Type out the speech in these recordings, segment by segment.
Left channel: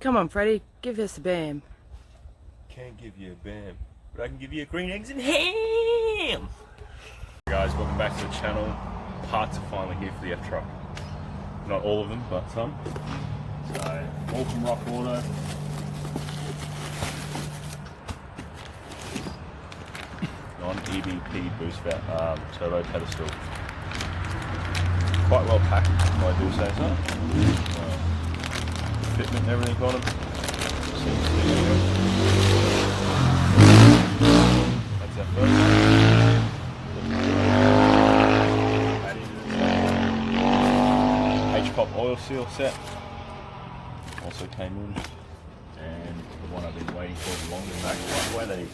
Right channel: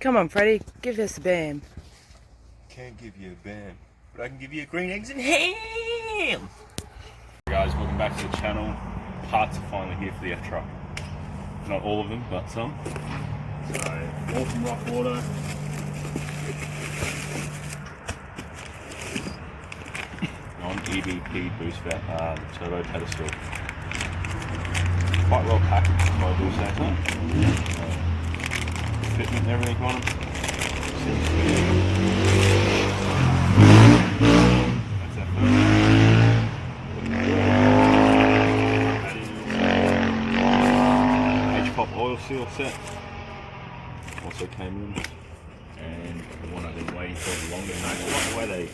Come on, Freddie, give us a bam. Can't give you a bam, but I can give you a green eggs and ham! Guys, welcome back to the channel. Parts are finally here for the F-Truck. Not all of them, but some. So, all from Rock Auto. Non-ebp boost turbo pedestal. Quite well packaged, I do say so. Fitment and everything on them. That's that first. H-pop oil seal set. Also came in. And the one I've been waiting for the longest. Why they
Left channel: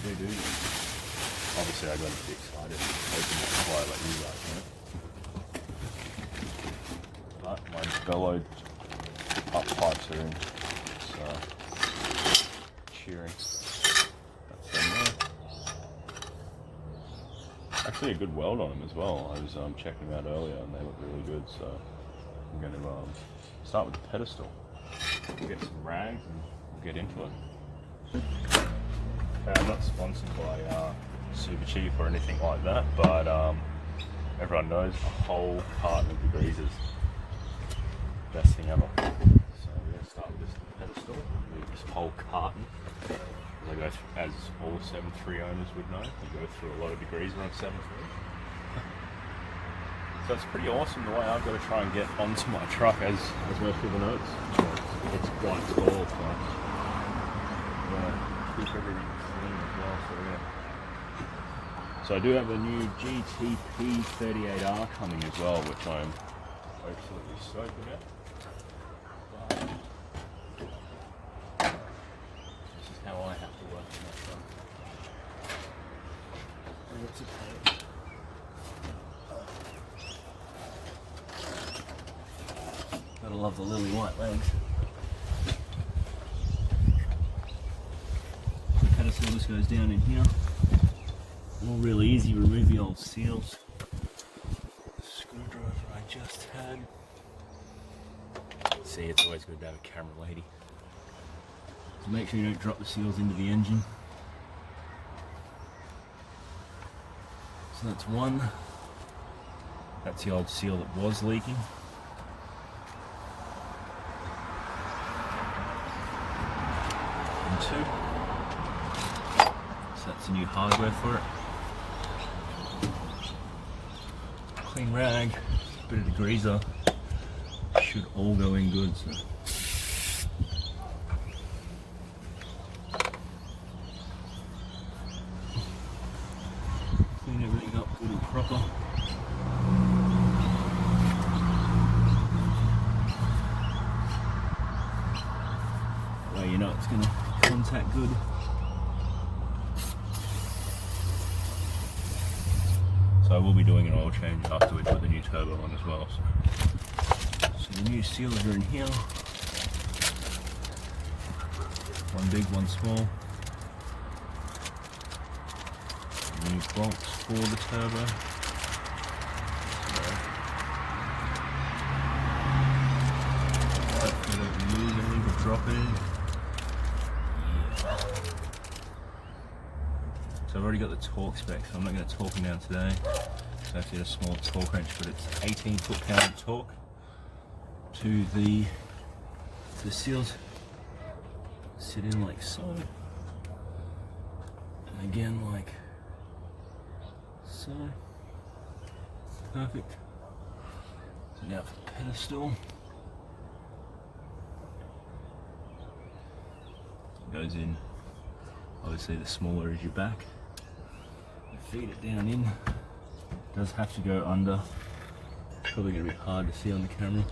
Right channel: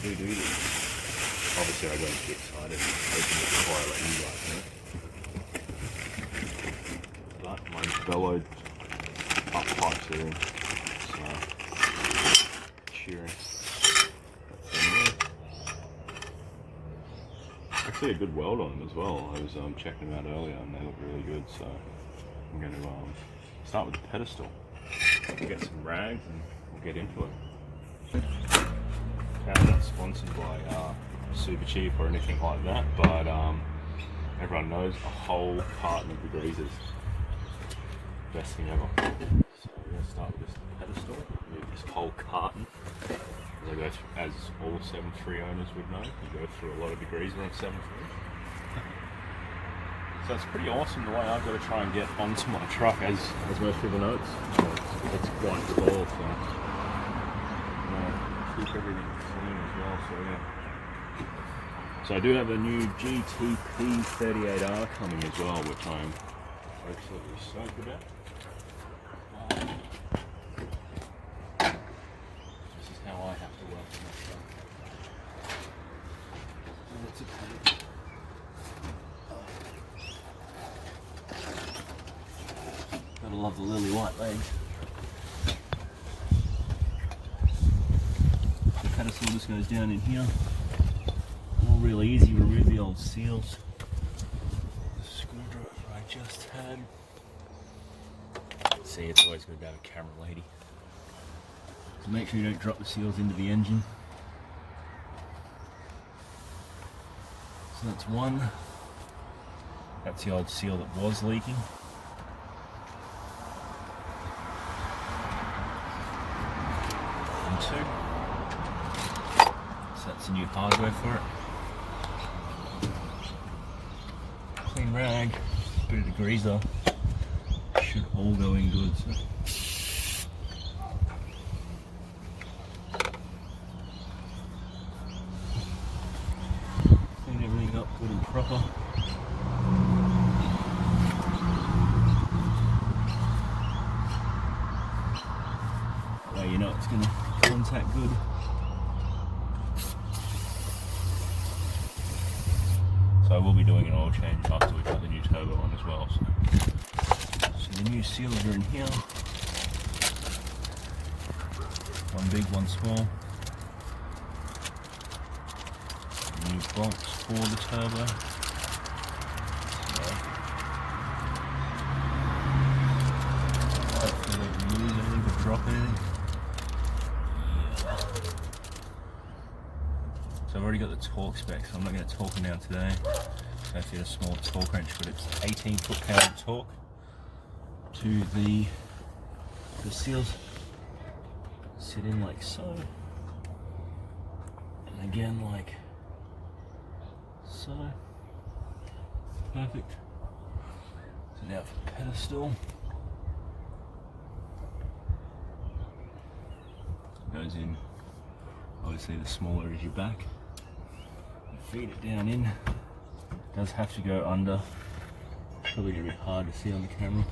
do this. Obviously I got a bit excited. Before I let you guys know. But mine's bellowed. Up pipes are in, so cheering. Actually a good weld on them as well. I was checking them out earlier and they look really good, so I'm going to start with the pedestal. We'll get some rags and we'll get into it. Okay, I'm not sponsored by Super Cheap or anything like that, but everyone knows a whole carton of degreasers. Best thing ever. So we're going to start with this pedestal, move this whole carton. As I go through, as all 7.3 owners would know, you go through a lot of degrees around 7.3. So it's pretty awesome the way I've got to try and get onto my truck as I go through the notes. It's got installed, so keep everything clean as well. So I do have a new GTP 38R coming as well, which I'm absolutely stoked about. This is how I have to work on that stuff. Gotta love the lily white legs. The pedestal just goes down in here. All really easy, remove the old seals. The screwdriver I just had. See, it's always good to have a camera lady. So make sure you don't drop the seals into the engine. So that's one. That's the old seal that was leaking. And two. So that's the new hardware for it. Clean rag, bit of degreaser. Should all go in good. So. Clean everything up good and proper. Well, you know it's going to contact good. So I will be doing an oil change after we put the new turbo on as well. So the new seals are in here. One big, one small. New bolts for the turbo. Hopefully they don't lose anything or drop anything. So I've already got the torque specs, so I'm not going to torque them down today. So I have to get a small torque wrench, but it's 18 foot-pound torque to the seals. Sit in like so, and again like so. Perfect. So now for the pedestal. It goes in. Obviously, the smaller is your back. Feed it down in. It does have to go under. Probably gonna be hard to see on the camera.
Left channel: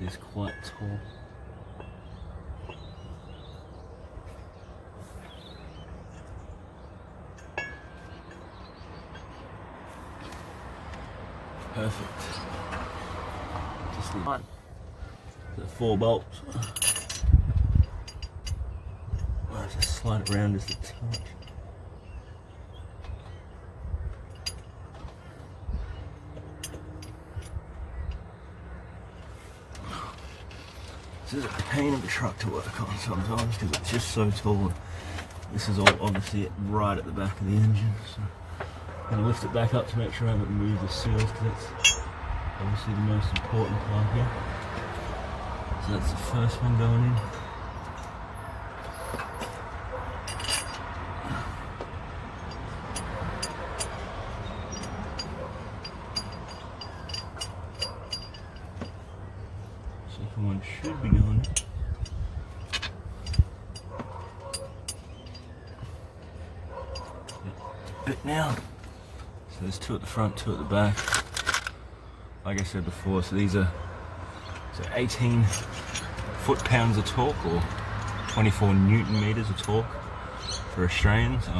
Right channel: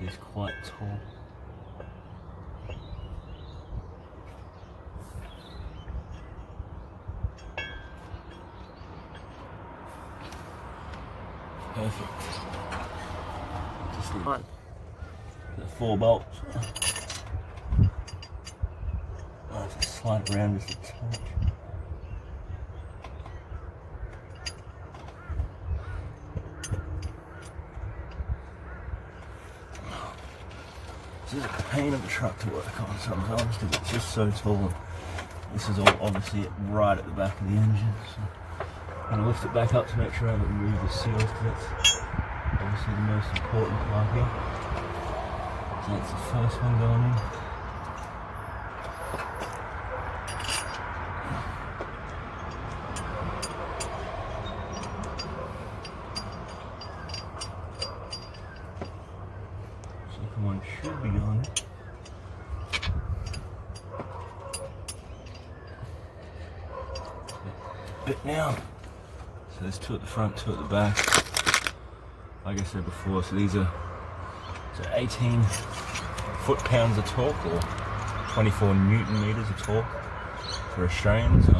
It is quite tall. Perfect. Just the 4 bolts. Just slide it around just a touch. This is a pain of a truck to work on sometimes because it's just so tall. This is all obviously right at the back of the engine. So I'm going to lift it back up to make sure I haven't removed the seals because that's obviously the most important part here. So that's the first one going in. Second one should be going in. Bit now. So there's two at the front, two at the back. Like I said before, so these are 18 foot-pounds of torque or 24 Newton meters of torque for Australians. So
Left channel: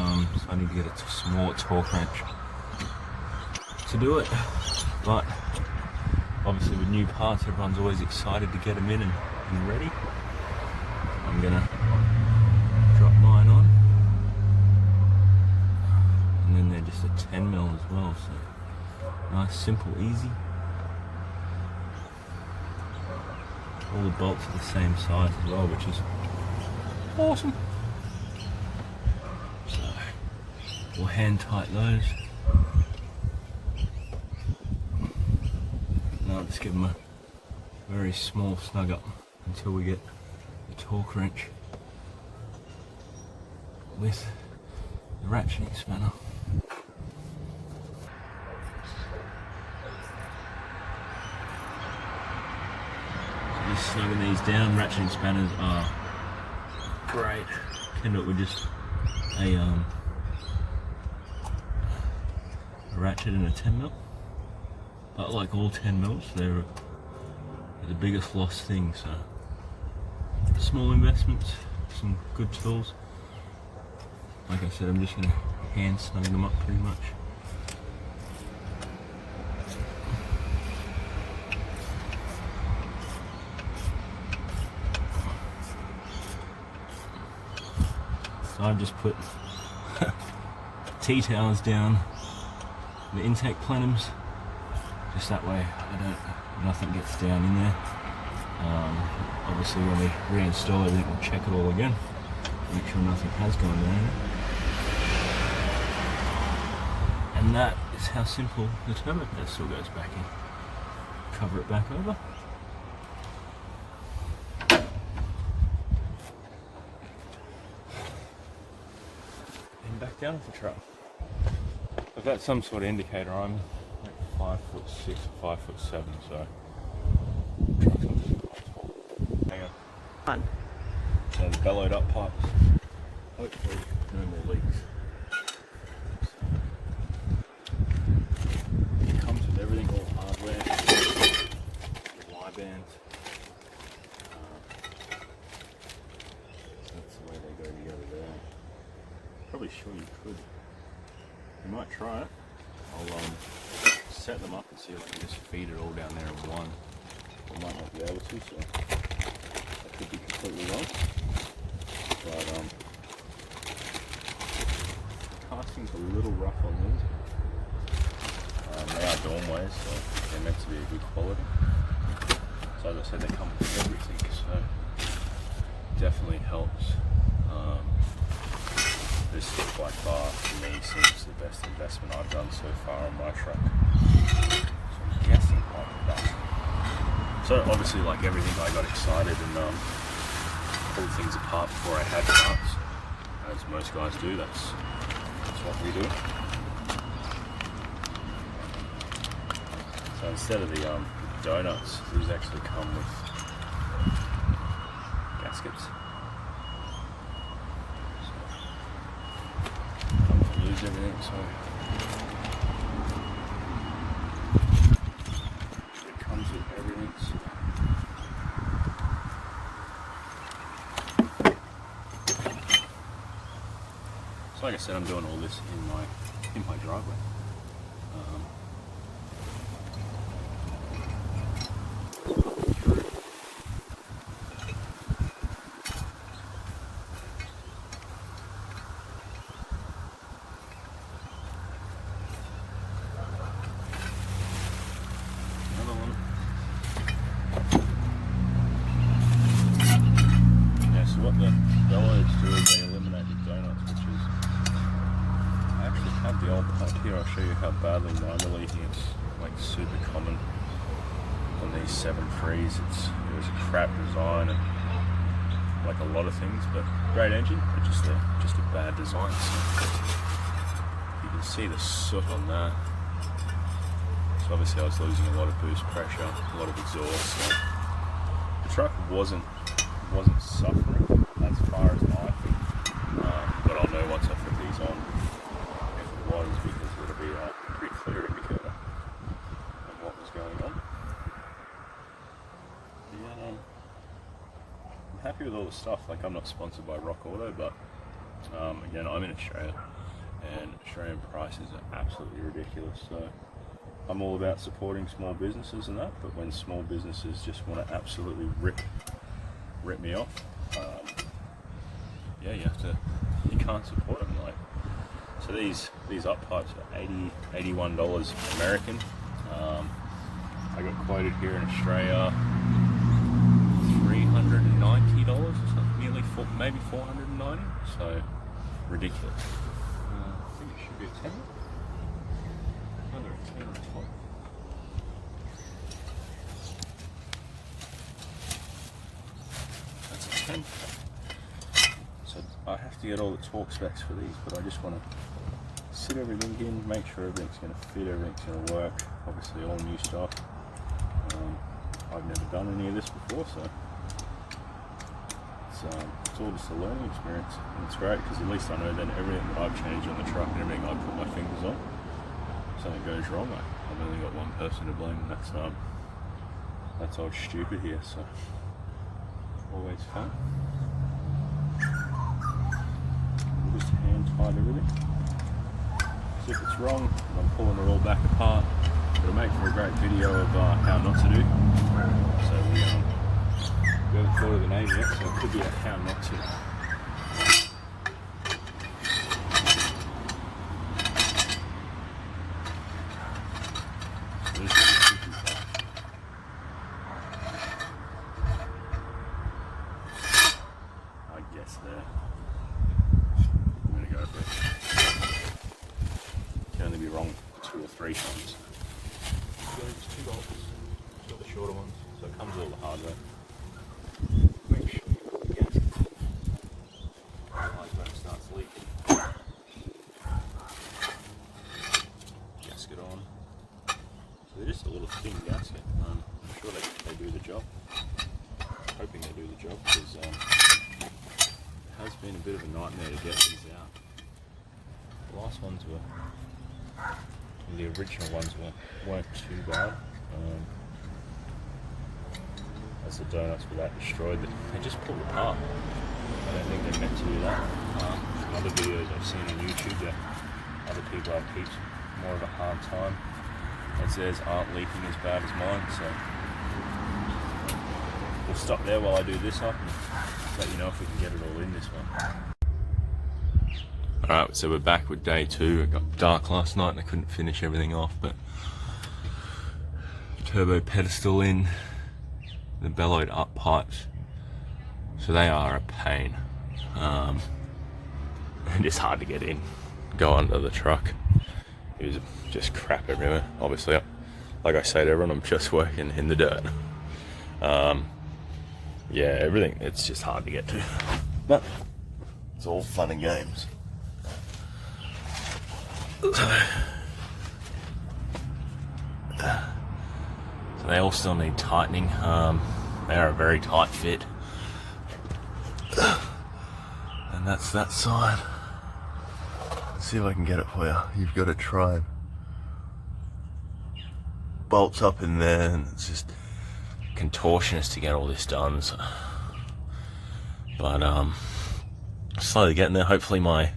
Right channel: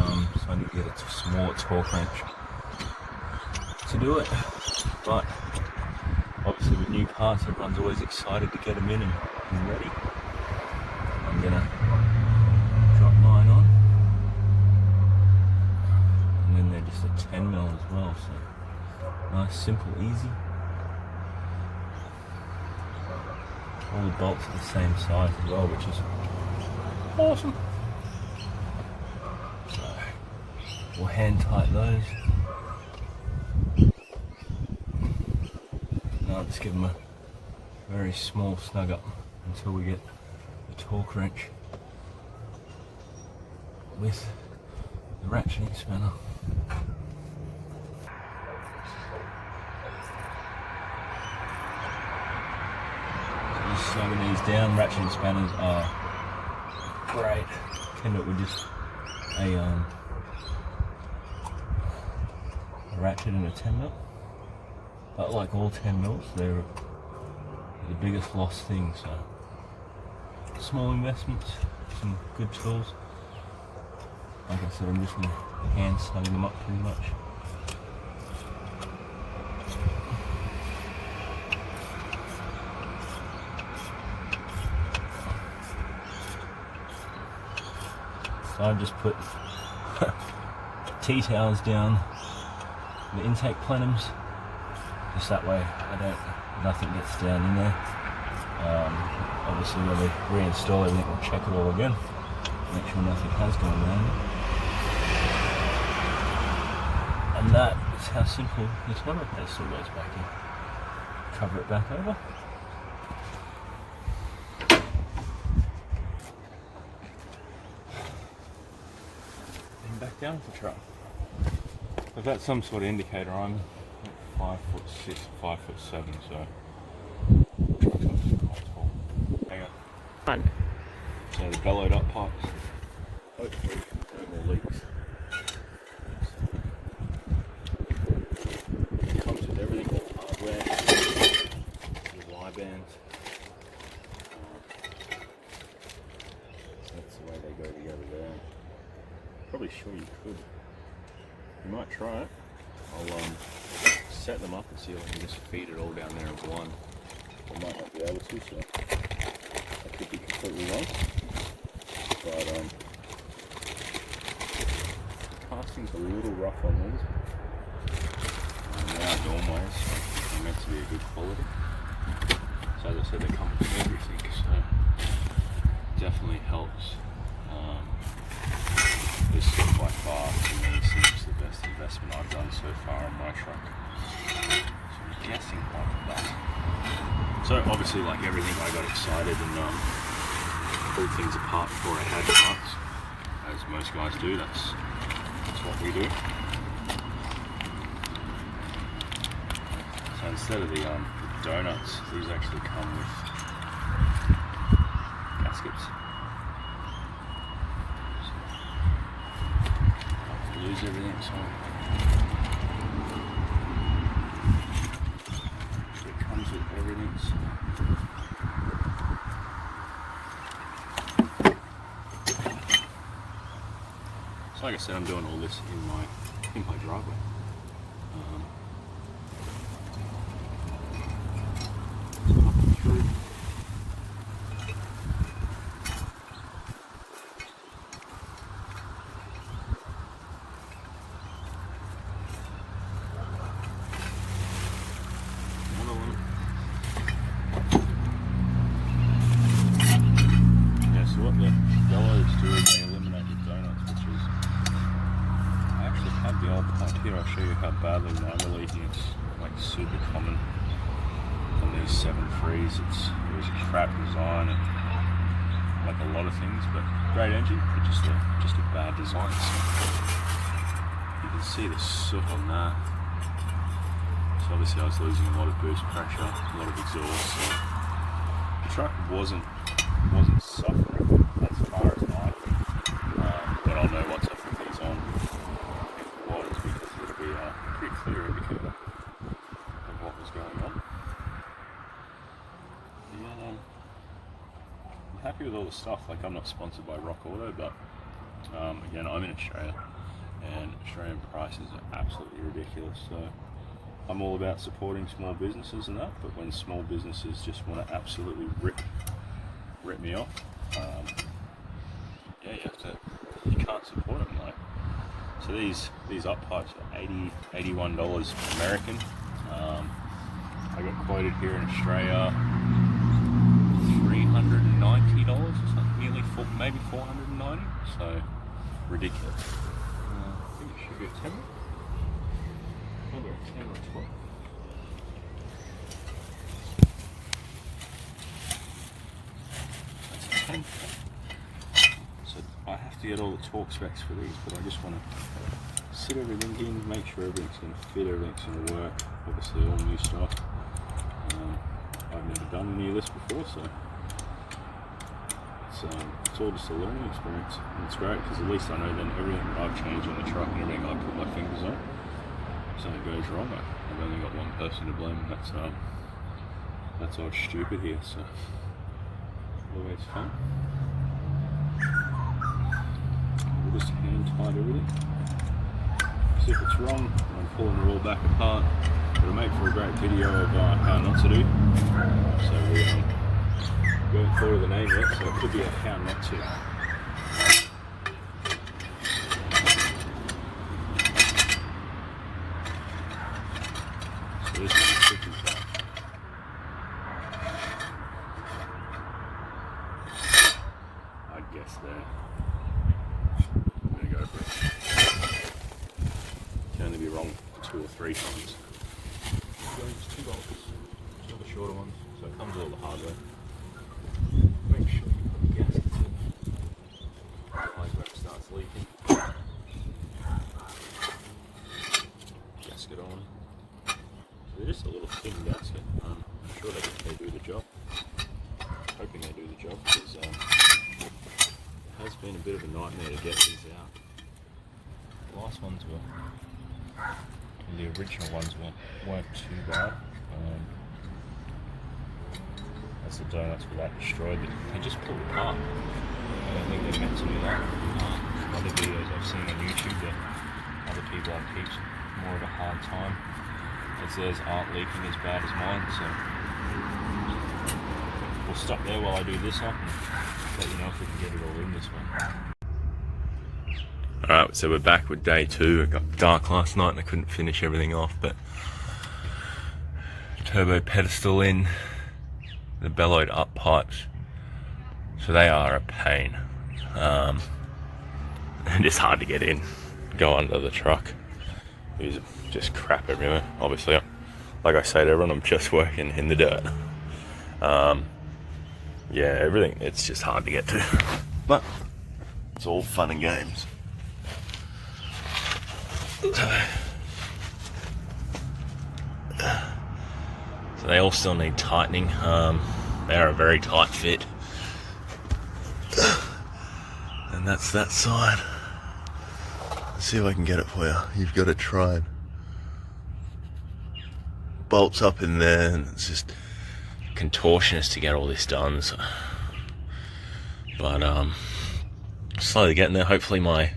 I need to get a small torque wrench to do it. But obviously with new parts, everyone's always excited to get them in and ready. I'm gonna drop mine on. And then they're just a 10 mil as well, so nice, simple, easy. All the bolts are the same size as well, which is awesome. So we'll hand tight those. Now let's give them a very small snug up until we get the torque wrench with the ratcheting spanner. Just snugging these down. Ratcheting spanners are great. Can do it with just a ratchet and a 10 mil. But like all 10 mils, they're the biggest lost thing. So small investments, some good tools. Like I said, I'm just going to hand snug them up pretty much. So I've just put T-towels down the intake plenums, just that way nothing gets down in there. Obviously when we reinstall everything, we'll check it all again, make sure nothing has gone down. And that is how simple the terminal pedestal goes back in. Cover it back over. And back down with the truck. I've got some sort of indicator on. 5'6", 5'7", so truck's obviously quite tall. Hang on. So the bellowed up pipes. Hopefully no more leaks. It comes with everything, all the hardware, the Y bands. That's the way they go together there. Probably sure you could. You might try it. I'll set them up and see if I can just feed it all down there as one. I might not be able to, so I could be completely wrong. But the casting's a little rough on these. They are Dormways, so they're meant to be a good quality. So as I said, they come with everything, so definitely helps. This is by far, to me, seems the best investment I've done so far in my truck. So I'm guessing quite that. So obviously, like everything, I got excited and pulled things apart before I had parts. As most guys do, that's what we do. So instead of the donuts, these actually come with gaskets. Lose everything, so it comes with everything. So like I said, I'm doing all this in my driveway. show you how badly minor leaking is like super common on these 7.3s. It was a crap design and like a lot of things, but great engine, but just a bad design. So you can see the soot on that. So obviously I was losing a lot of boost pressure, a lot of exhaust. So the truck wasn't suffering as far as I but I know once I put these on, it was because it would be a pretty clear indicator of what was going on. Yeah, I'm happy with all the stuff. Like, I'm not sponsored by Rock Auto, but again, I'm in Australia and Australian prices are absolutely ridiculous. So I'm all about supporting small businesses and that, but when small businesses just want to absolutely rip me off, yeah, you can't support them. Like, so these up pipes are $81 American. I got quoted here in Australia $390 or something, nearly maybe $490. So ridiculous. I think it should be a 10. Either a 10 or 12. That's a 10. So I have to get all the torque specs for these, but I just want to sit everything in, make sure everything's going to fit, everything's going to work. Obviously all new stuff. I've never done any of this before, so it's all just a learning experience. And it's great because at least I know then everything that I've changed on the truck and everything I put my fingers on, if something goes wrong, I've only got one person to blame, and that's old stupid here. So always fun. We'll just hand tight everything. So if it's wrong, I'm pulling it all back apart. It'll make for a great video of how not to do. So we haven't thought of the name yet, so it could be a how not to. So this is the tricky part. I guess there. There we go. Can only be wrong 2 or 3 times. It's $2, all the shorter ones, so it comes with all the hardware. Make sure the gasket starts leaking. Gasket on. So they're just a little thin gasket. I'm sure they do the job. Hoping they do the job, because it has been a bit of a nightmare to get these out. The last ones were, the original ones weren't too bad. As the donuts were that destroyed, they just pulled apart. I don't think they're meant to do that. Other videos I've seen on YouTube where other people have heaps more of a hard time, as theirs aren't leaking as bad as mine. So we'll stop there while I do this up and let you know if we can get it all in this one. Alright, so we're back with day 2. It got dark last night and I couldn't finish everything off, but turbo pedestal in, the Bellowed up pipes, so they are a pain. And it's hard to get in, go under the truck. There's just crap everywhere. Obviously, like I say to everyone, I'm just working in the dirt. Yeah, everything, it's just hard to get to, but it's all fun and games. So they all still need tightening. They are a very tight fit, and that's that side. Let's see if I can get it for you. You've got to try and bolts up in there, and it's just contortionist to get all this done. So, but slowly getting there. Hopefully my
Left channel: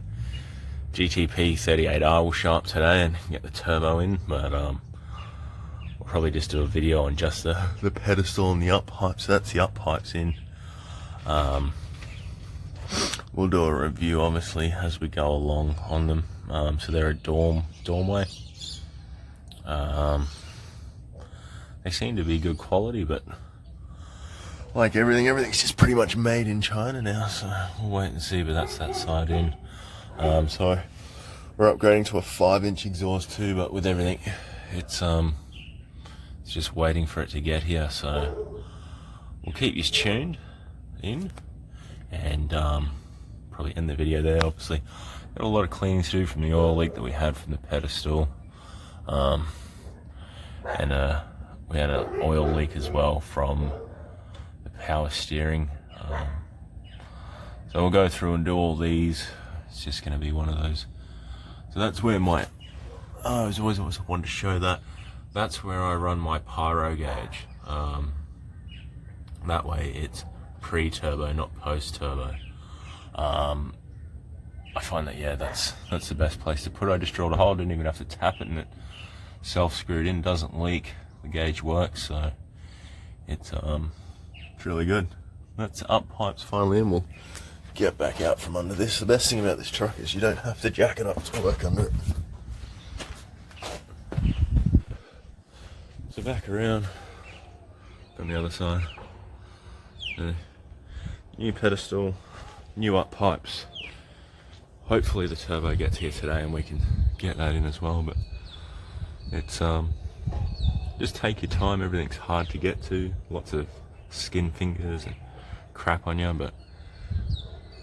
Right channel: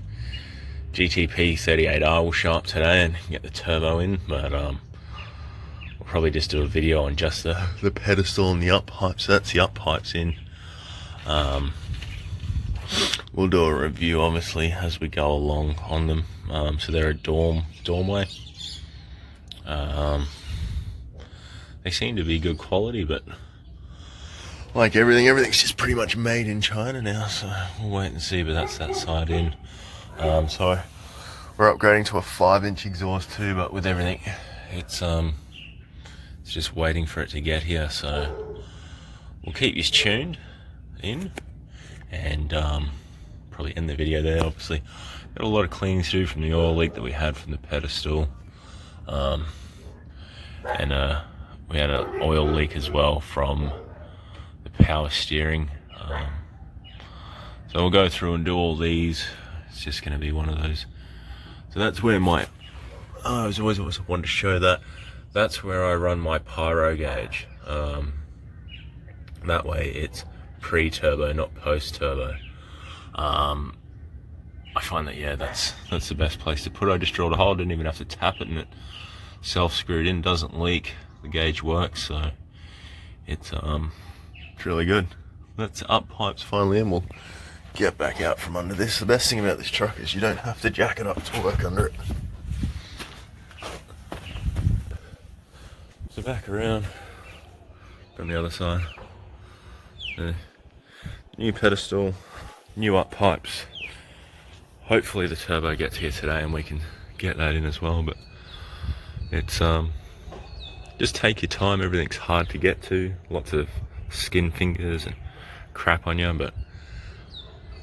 GTP 38R will show up today and get the turbo in, but we'll probably just do a video on just the pedestal and the up pipes. So that's the up pipes in. We'll do a review obviously as we go along on them. So they're a dormway. They seem to be good quality, but like everything's just pretty much made in China now, so we'll wait and see. But that's that side in. So We're upgrading to a 5-inch exhaust too, but with everything, it's just waiting for it to get here. So we'll keep you tuned in, and probably end the video there. Obviously, got a lot of cleaning to do from the oil leak that we had from the pedestal, and we had an oil leak as well from the power steering. So we'll go through and do all these. It's just going to be one of those. So that's where my, I was always wanted to show that. That's where I run my pyro gauge. That way it's pre-turbo, not post-turbo. I find that, yeah, that's the best place to put it. I just drilled a hole, didn't even have to tap it, and it self-screwed in, doesn't leak. The gauge works, so it's really good. That's up pipes finally, and we'll get back out from under this. The best thing about this truck is you don't have to jack it up to work under it. So back around on the other side. New pedestal, new up pipes. Hopefully the turbo gets here today and we can get that in as well, but it's just take your time. Everything's hard to get to, lots of skin fingers and crap on you, but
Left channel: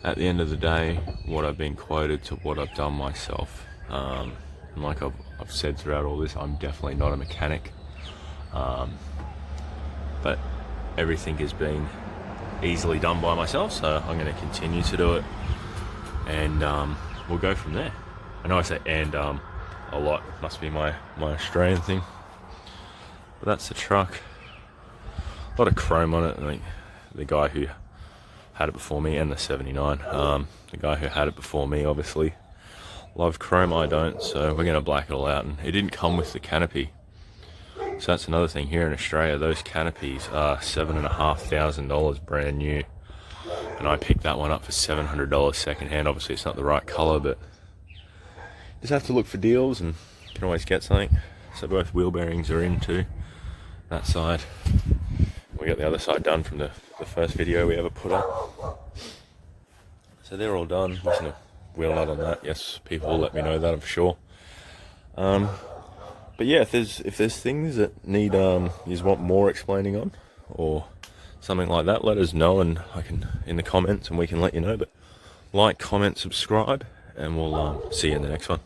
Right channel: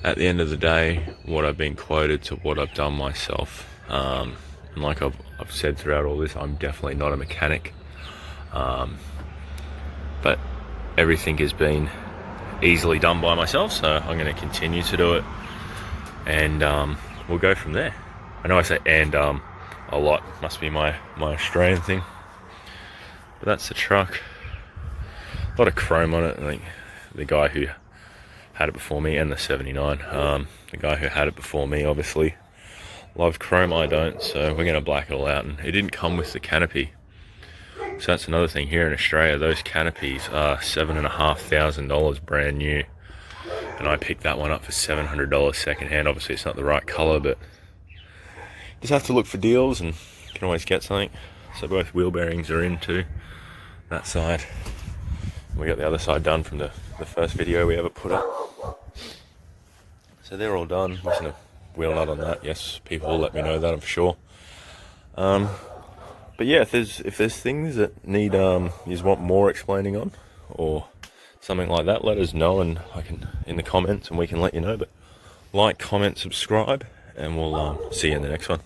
at the end of the day, what I've been quoted to what I've done myself, and like I've said throughout all this, I'm definitely not a mechanic, but everything has been easily done by myself, so I'm going to continue to do it, and we'll go from there. I know I say and a lot, must be my Australian thing, but that's the truck. A lot of chrome on it. I think the guy who had it before me, and the 79, the guy who had it before me obviously loved chrome. I don't, so we're going to black it all out. And it didn't come with the canopy, so that's another thing. Here in Australia, those canopies are $7,500 brand new, and I picked that one up for $700 second hand. Obviously it's not the right color, but just have to look for deals and you can always get something. So both wheel bearings are in too, that side. We got the other side done from the first video we ever put up. So they're all done. Missing a wheel nut on that. Yes, people will let me know that, I'm sure. But yeah, if there's things that need you want more explaining on or something like that, let us know, and I can in the comments, and we can let you know. But like, comment, subscribe, and we'll see you in the next one.